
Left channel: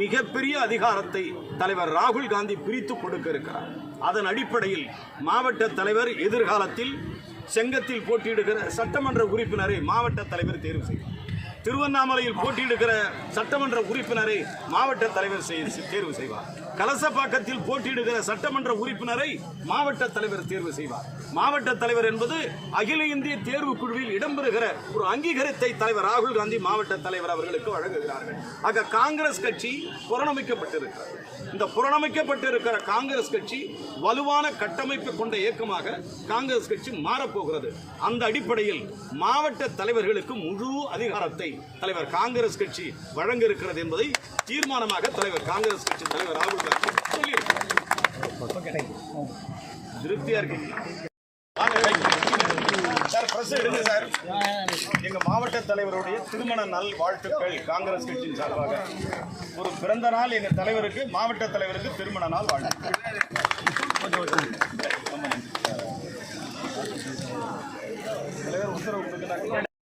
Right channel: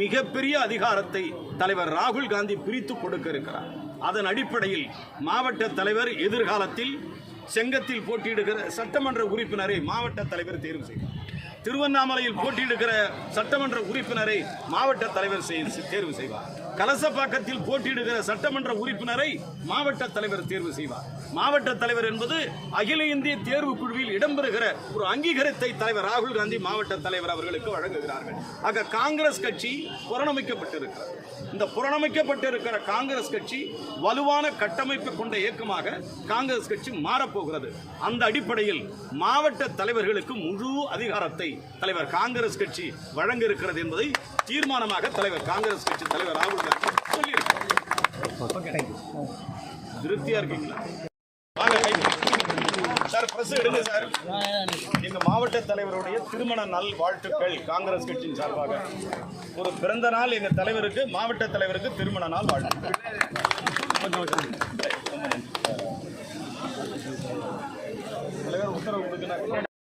மிகப்பெரிய அதிகாரத்தை தலைவர் ராகுல் காந்தி பிரித்து கொடுக்க இருக்கிறார். அதன் அடிப்படையில் மாவட்ட தலைவர் எதிர்காலத்தில் செங்கத்தில் போட்டியிடுகிற சட்டமன்ற உறுப்பினரை மாவட்ட தலைவர் தேர்வு செய்வார். திருவண்ணாமலையில் போட்டியிடுகிற சட்டமன்ற உறுப்பினரை மாவட்ட தலைவர் தேர்வு செய்வார். கலசப்பாக்கத்தில் போட்டியிடுகிற சட்டமன்ற உறுப்பினரை மாவட்ட தலைவர் தேர்வு செய்வார். மாவட்ட தலைவர் என்பது அகில இந்திய தேர்வு குழுவில் இடம்பெறுகிற ஒரு அங்கீகாரத்தை தலைவர் ராகுல் காந்தி மாவட்ட தலைவர் அவர்களுக்கு வழங்குகிறார்கள். ஆக காங்கிரஸ் கட்சி புறணமைக்கப்பட்டிருக்கிறது. இந்த புறணமைக்கப்பட்டிருக்கிற காங்கிரஸ் கட்சி வலுவான கட்டமைப்பு கொண்ட இயக்கமாக காங்கிரஸ் கட்சி மாறப்போகிறது. அந்த அடிப்படையில் மாவட்ட தலைவர்களுக்கு முழு அதிகாரத்தை தலைவர் காங்கிரஸ் கட்சி வழங்க இருக்கிறது என்பதை தீர்மானமாக தலைவர் காங்கிரஸ் கட்சி தலைவர் ராகுல் காந்தி சொல்லியிருக்கிறார். திருப்தியா இருக்கீங்களா? வாங்க கை சார், பிரஸ் எடுங்க சார். எங்க மாவட்ட தலைவருடைய திருமண நல் வாழ்த்துக்கள் காங்கிரஸ் கட்சியின் சார்பாக. ஒரு பிறந்த நாள் எங்க தலைவருக்கு, மாவட்ட தலைவருக்கு திருமண நாள் வாழ்த்துக்கள். தலைவர் உத்தரவு கொடுக்க